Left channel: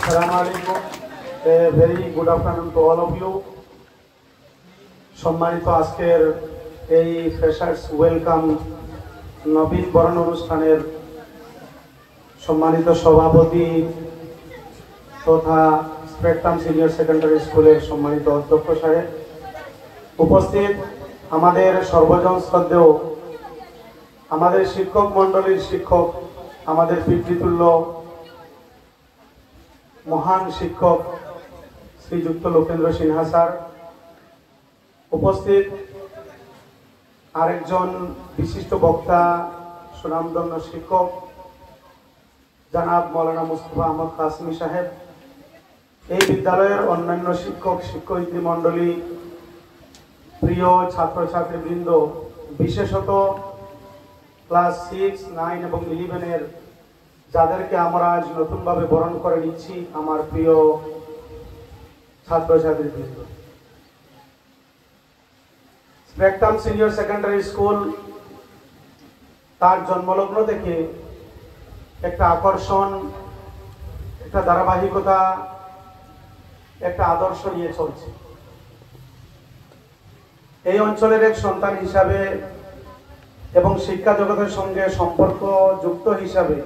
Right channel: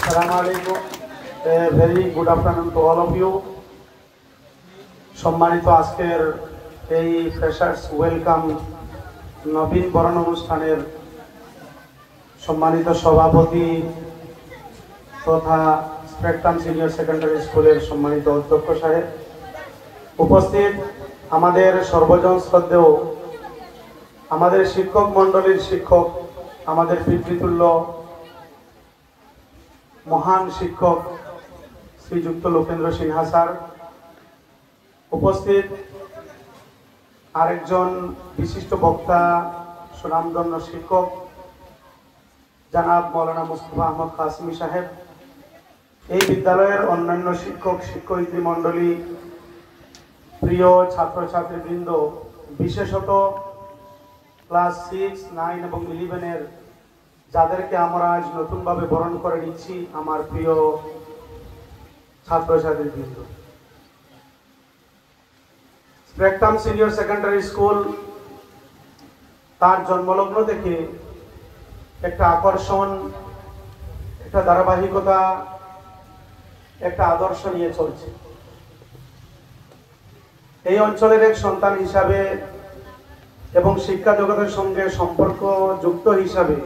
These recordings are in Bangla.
Assalamu alaikum. A very good afternoon to all of you. সম্মানিত আজকের এই ফ্রেশার্স ওয়েলকাম নবীন বরণ অনুষ্ঠানের সম্মানিত সভাপতি তথা স্পেকট্রাম সিনিয়র সেকেন্ডারি স্কুলের সম্মানিত অধ্যক্ষ সাহেব, উপস্থিত আমাদের সর্বজন শ্রদ্ধেয় আমাদের শিক্ষক মণ্ডলীর শিক্ষক, আমাদের পিতৃতুল্য মহান শিক্ষক শ্রীযুক্ত লোকেন্দ্র সিনহা স্যার, উপস্থিত আরেকজন বিশিষ্ট বক্তা সুনামধন্য শিক্ষক জনাব মৌলানা মুস্তফা আহমদ কাসিমি সাহেব, এই বিদ্যালয়ের অন্যান্য শিক্ষক শিক্ষয়িত্রী মণ্ডলী, প্রিয় ছাত্রছাত্রীবৃন্দ, বিশেষত ক্লাস 6, 9 এবং 11 যাদেরকে আমরা আজ নতুনভাবে বরণ করে নিচ্ছি, আমার প্রিয় ছাত্রছাত্রীবৃন্দ। স্পেকট্রাম সিনিয়র সেকেন্ডারি স্কুল তার জন্মলগ্ন থেকে একটা আকর্ষণ, একটা ধারাবাহিকতা, একটা আদর্শ নিয়ে চলছে। এই অঞ্চলের এক সন্তান হিসাবে এবং শিক্ষা জগতের সঙ্গে সম্পর্ক যুক্ত হিসাবে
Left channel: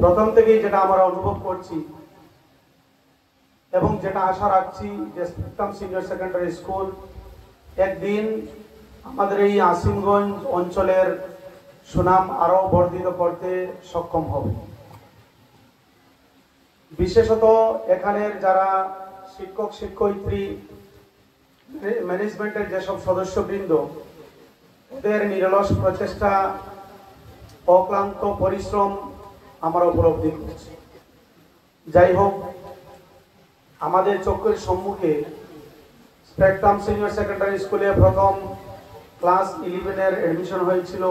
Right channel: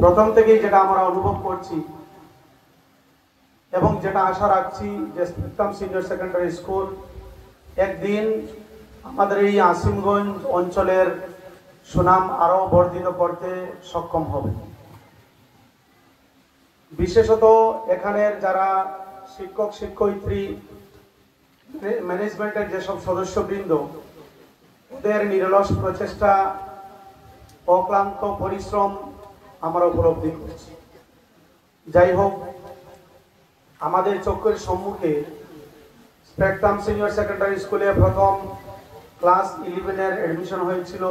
প্রথম থেকেই যেটা আমরা অনুভব করছি এবং যেটা আশা রাখছি যে স্পেকট্রাম সিনিয়র সেকেন্ডারি স্কুল একদিন আমাদের এই আসিমগঞ্জ অঞ্চলের সুনাম আরো বর্ধিত করতে সক্ষম হবে। বিশেষত এখানের যারা শিক্ষক শিক্ষয়িত্রী, ম্যানেজমেন্টের যেসব সদস্যবৃন্দ, ওদের নিরলস প্রচেষ্টা, অক্লান্ত পরিশ্রম আমরা উপলব্ধি করছি। যাই হোক, আমাদের চোখের সম্মুখে স্পেকট্রাম সিনিয়র সেকেন্ডারি স্কুলে প্রথম ক্লাস 11 এডমিশন হয়েছিল,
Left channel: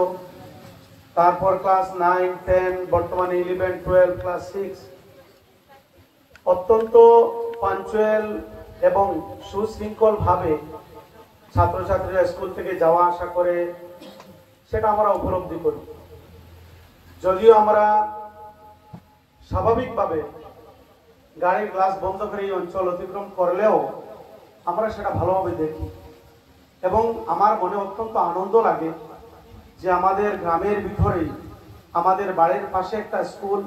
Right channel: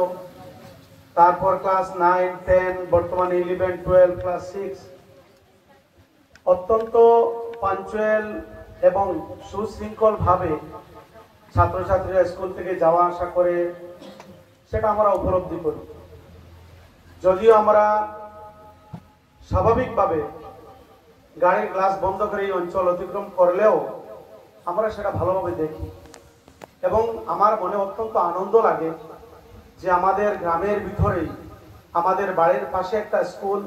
তারপর ক্লাস 9, 10, বর্তমানে 11, 12, ক্লাস 6 অত্যন্ত পাঞ্চুয়াল এবং সুশৃঙ্খল ভাবে ছাত্রছাত্রীরা স্কুল থেকে যাওয়া আসা করে, সেটা আমরা উপলব্ধি করি। যদিও আমরা স্বাভাবিকভাবে গাড়ির গ্লাস বন্ধ করে এই অঞ্চল অতিক্রম করলেও আমরা সেটা ভালোভাবে দেখি এবং আমার মনে অত্যন্ত আনন্দ লাগে যে আমাদের গ্রামের ভিতরেই আমাদের বাড়ির পাশে একটা স্কুল,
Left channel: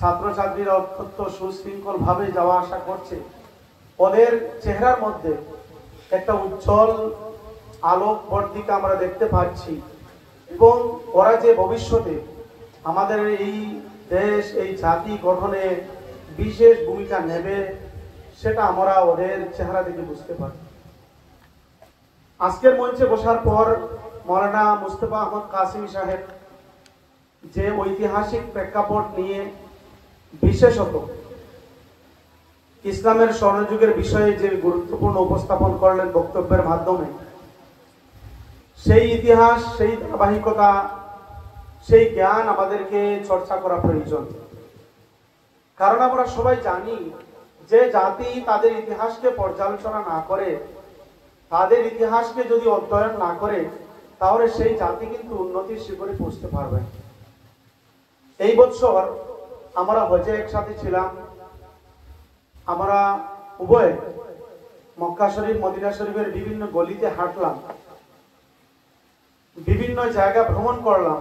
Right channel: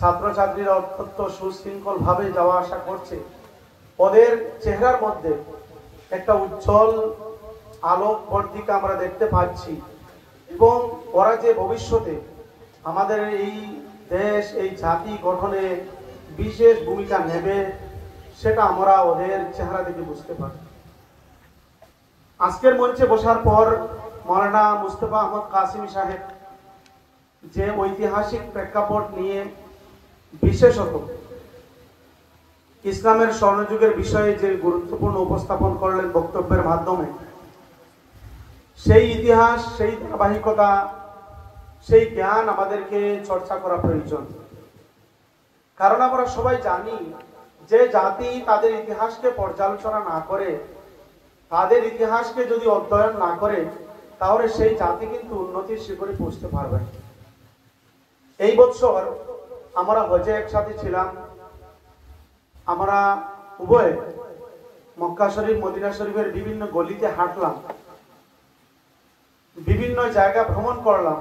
ছাত্রছাত্রীরা অত্যন্ত সুশৃঙ্খল ভাবে যাওয়া আসা করছে। ওদের চেহারার মধ্যে একটা উজ্জ্বল আলোক বর্তিকা আমরা দেখতে পাচ্ছি এবং ওরা যে ভবিষ্যতে আমাদের এই দেশ, এই জাতি গঠনে বিশেষ ভূমিকা নেবে, সেটা আমরা ওদের চেহারা দেখে বুঝতে পারি। আজকের মঞ্চে বসার পর মৌলানা মুস্তফা আহমদ কাসিমি সাহেব যে ঐতিহাসিক প্রেক্ষাপট নিয়ে বিশেষত ইসলামের স্বর্ণযুগের বিষয়ে যে গুরুত্বপূর্ণ উপস্থাপন করলেন বক্তব্যের মাধ্যমে, সেই ইতিহাস, সেই ধারাবাহিকতা, সেই জ্ঞান আমাদেরকে চর্চা করা প্রয়োজন। কারণ আমরা সবাই জানি যে জাতি তাদের ইতিহাসকে পর্যালোচনা না করে, তাদের ইতিহাসকে যদি অধ্যয়ন না করে, তাহলে সেই জাতি কিন্তু উন্নতির শিখরে পৌঁছতে পারবে। এই বছর আমরা হজে একসাথে ছিলাম, আমরা উভয় মক্কা শরীফ, মদিনা শরীফের বিভিন্ন গলিতে হাঁটলাম, বিভিন্ন জায়গা ভ্রমণ করলাম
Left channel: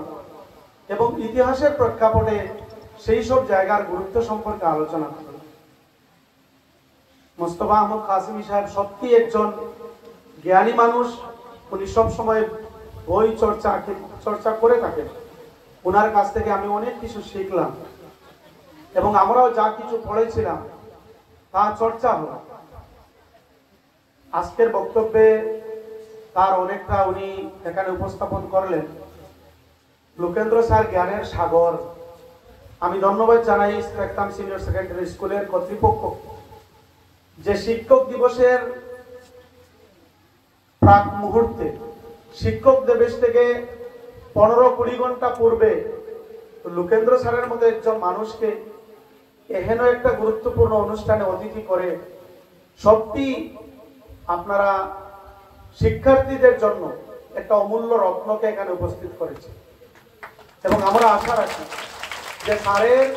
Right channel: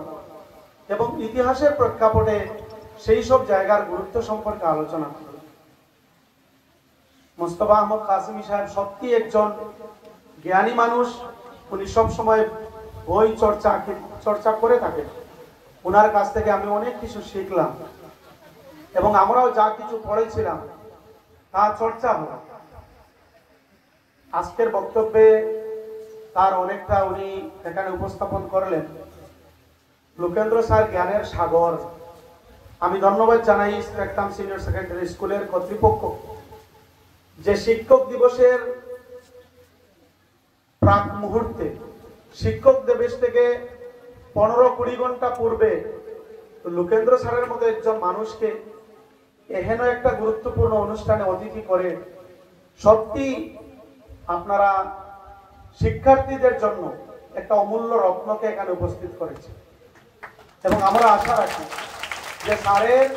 এবং ইতিহাসের প্রেক্ষাপটে সেই সব জায়গার গুরুত্ব সম্পর্কে আলোচনা করি। মুস্তফা আহমদ কাসিমি সাহেব সত্যি একজন জ্ঞানী মানুষ। উনি সব সময় বই চর্চা করে থাকেন। ওনার কাছ থেকে আমি অনেক কিছু শিখলাম এবং আমরাও যা কিছু পড়েছিলাম তা চর্চা হল। আজকের বক্তব্যে তার অনেকটা উনি এখানে উপস্থাপন করলেন। লোকেন্দ্র স্যার জ্ঞানের সাগর। আমি ধন্যবাদ জানাই স্পেকট্রাম সিনিয়র সেকেন্ডারি স্কুলের কর্তৃপক্ষ যে শিক্ষক দিবসের প্রাক মুহূর্তে শিক্ষক দিবস থেকে 15-20 ঘন্টা পূর্বে লোকেন্দ্র স্যারের মতো একজন মানুষকে এহেন একটা গুরুত্বপূর্ণ অনুষ্ঠানে অতিথি করে সত্যি আপনারা শিক্ষার্থীদের জন্য একটা অমূল্য রত্নকে এখানে উপস্থিত করেছে এবং আমরা আশা রাখি যে স্যারের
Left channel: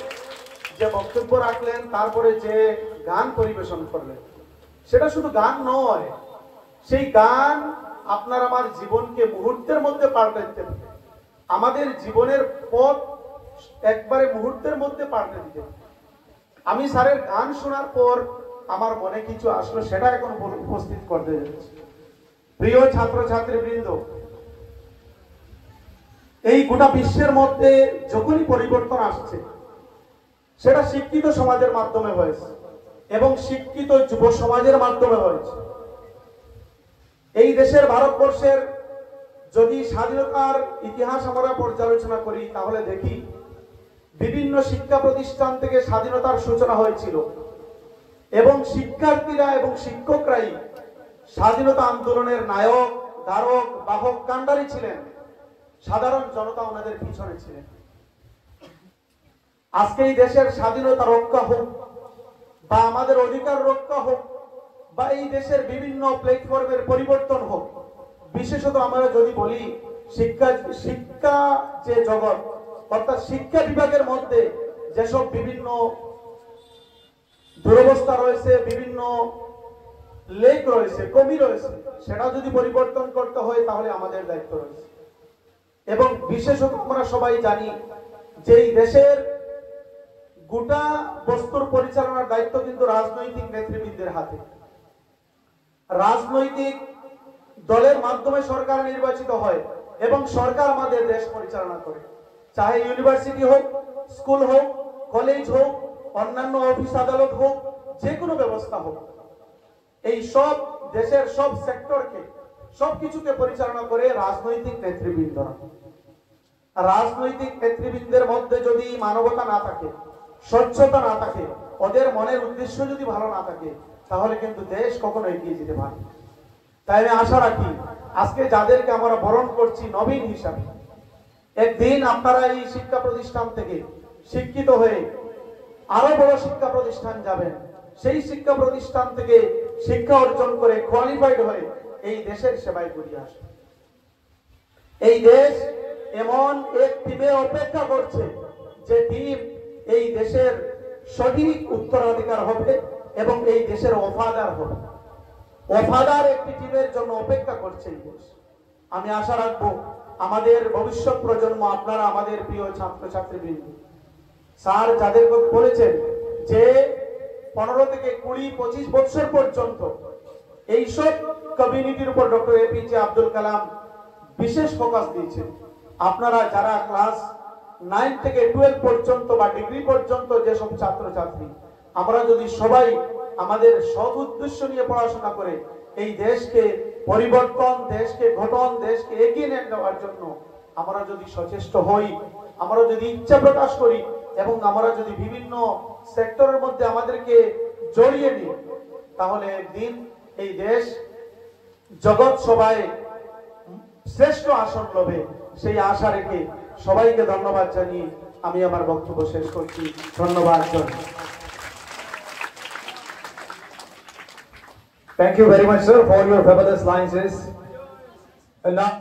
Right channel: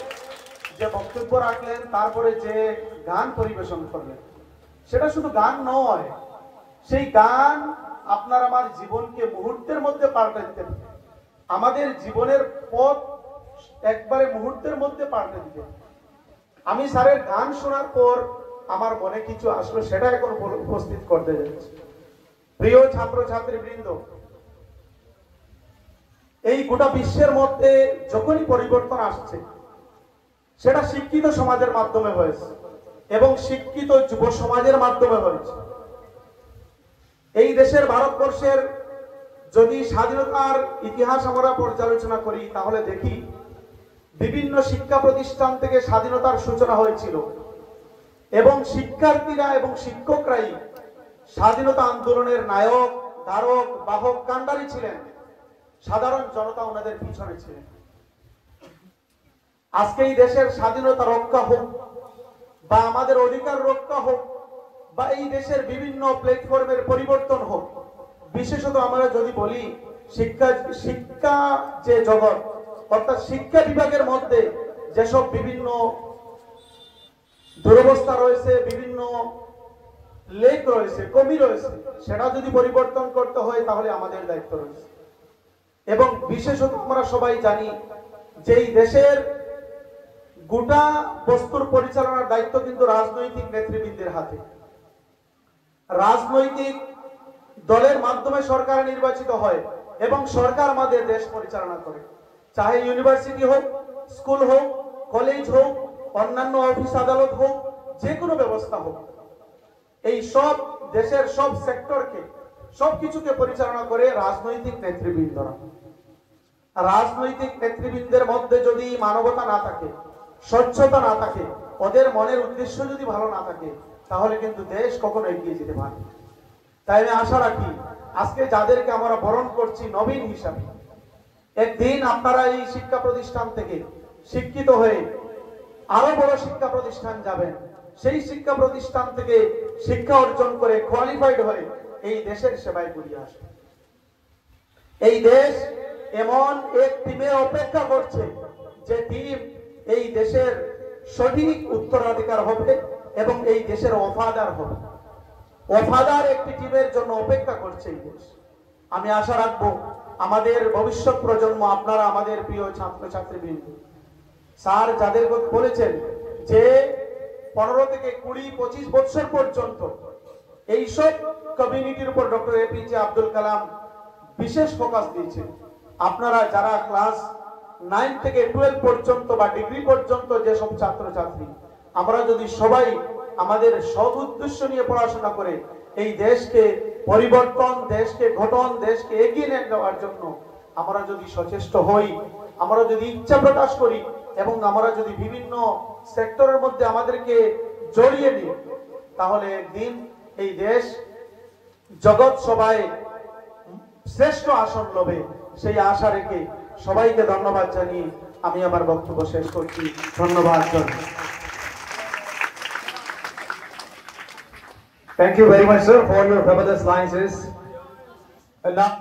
যে বক্তব্য রাখলেন, তারপরে যে গান পরিবেশন করলেন, সেটা শুধু গান নয়, সেই গান আপনার আমার জীবনকে মুহূর্তের মধ্যে পাল্টে দিতে পারে, আমাদের জীবনের পথ একবারে মুহূর্তের মধ্যে পাল্টে দিতে। আমি স্যারের গান শোনার পর আমার মনে কিছু আসলো, সেটা এখন উপস্থিত করতে যাচ্ছি। প্রিয় ছাত্রছাত্রীবৃন্দ, এই গোটা বিশ্বের মধ্যে যখনই পরিবর্তন আসছে, সেটা শিক্ষিত সমাজের মাধ্যমে হয়েছে এবং শিক্ষিত যুব সমাজের মাধ্যমে হয়েছে। এই দেশের ভারতবর্ষের যদি স্বাধীনতার ইতিহাস আমরা পর্যালোচনা করি, তাহলে দেখি বিভিন্ন শিক্ষা প্রতিষ্ঠান থেকে স্বাধীনতার সূচনা হয়েছিল এবং শিক্ষার্থীরা এবং শিক্ষকরাই স্বাধীনতা আন্দোলনের নায়ক, ধারক, বাহক, কাণ্ডারী ছিলেন। সাধারণ জনতা ওনাদের পিছনে ছিলেন। আজকে এই দেশের স্বাধীনতা রক্ষা হোক বা আমাদের অধিকার রক্ষা হোক বা এই দেশের বিভিন্ন প্ল্যাটফর্মের পরিবর্তন হোক, বিশেষত আমরা যদি বলি শিক্ষা যে জগৎ, অর্থাৎ শিক্ষা বিভাগের মধ্যে যেসব বিভিন্ন দুরবস্থা রয়েছে, বিভিন্ন লেক রয়েছে, কমি রয়েছে, সেটা যদি পরিবর্তন করতে হয় তাহলে আমাদের দায়িত্ব রয়েছে। এবং বিশেষত আমরা সবাই জানি যে এই দেশের গোটা বস্তুর পরিচালনার দায়িত্ব কিন্তু রাজনৈতিক নেতৃবৃন্দের হাতে। রাজনৈতিক দলের মাধ্যমে সরকার নির্বাচিত হয় এবং সরকার আমাদের দেশ পরিচালনা করে, চাহে ইউনিভার্সিটি হোক, স্কুল হোক, কলেজ হোক, অন্যান্য অফিস আদালত হোক, যে কোনো ব্যবস্থা হোক, এই সব দেশের সব সেক্টরকে, সবকিছুকে পরিচালনা করে রাজনৈতিক নেতৃবৃন্দরা। রাজনৈতিক নেতৃবৃন্দের মধ্যে যদি মানবতা না থাকে, স্বচ্ছতা না থাকে, ওদের মনের উদ্দেশ্য যদি ভালো না থাকে, তাহলে কিন্তু দেশ কখনো এগিয়ে যেতে পারে। তাই আমি আশা রাখি আজকে যাদেরকে আমরা বরণ করছি নবীন হিসাবে, একদিন আপনারা এই শিক্ষা প্রতিষ্ঠান থেকে শিক্ষিত হয়ে আরো বড় শিক্ষা প্রতিষ্ঠান যাবেন, সেই শিক্ষা প্রতিষ্ঠান থেকে শিক্ষা অর্জন করে কোয়ালিফাইড হয়ে এই দেশের সেবায় ঘুরে আসবে। এই দেশ এমন এক টিমের অপেক্ষা করছে যে টিম এই দেশের সঠিক উত্তরাধিকার হবে এবং এই দেশের ওফাদার হবে। ওফাদার একটি টিমের জন্য অপেক্ষা করছে এই দেশ। আমি আশা রাখবো আমাদের ভবিষ্যৎ প্রজন্ম, আপনারা আমাদের প্রিয় ছাত্রছাত্রীবৃন্দ, স্যার যাদের কথা বলেছেন যে 15 থেকে 20-25 বছর পর্যন্ত এইসব কমিউনিটির উপর ডক্টর এপিজে আব্দুল কালাম বিশেষ ফোকাস দিয়েছেন। আপনারা যারা ক্লাস 9 থেকে 12 পর্যন্ত বা ডিগ্রি পর্যন্ত যেসব ছাত্রছাত্রী, আমরা যদি সবাই আমাদের সব উদ্দেশ্য নিয়ে পড়াশোনা করে এই দেশকে পরিবর্তন, দেশকে গঠন, দেশকে এগিয়ে নিয়ে যাওয়ার জন্য আমরা যদি সচেষ্ট হই, আমরা যদি ইচ্ছা প্রকাশ করি এবং আমরা যদি বিভিন্ন সেক্টরের মধ্যে আমাদেরকে জড়িয়ে নিই, তাহলে একদিন এই দেশ জগৎ সভায় শ্রেষ্ঠ আসন লবে। সেই আশা রেখে সবাইকে ধন্যবাদ জানিয়ে আমি আমার বক্তব্য শেষ করছি। ধন্যবাদ। Thank you very much, sir, for your fabulous lines. And now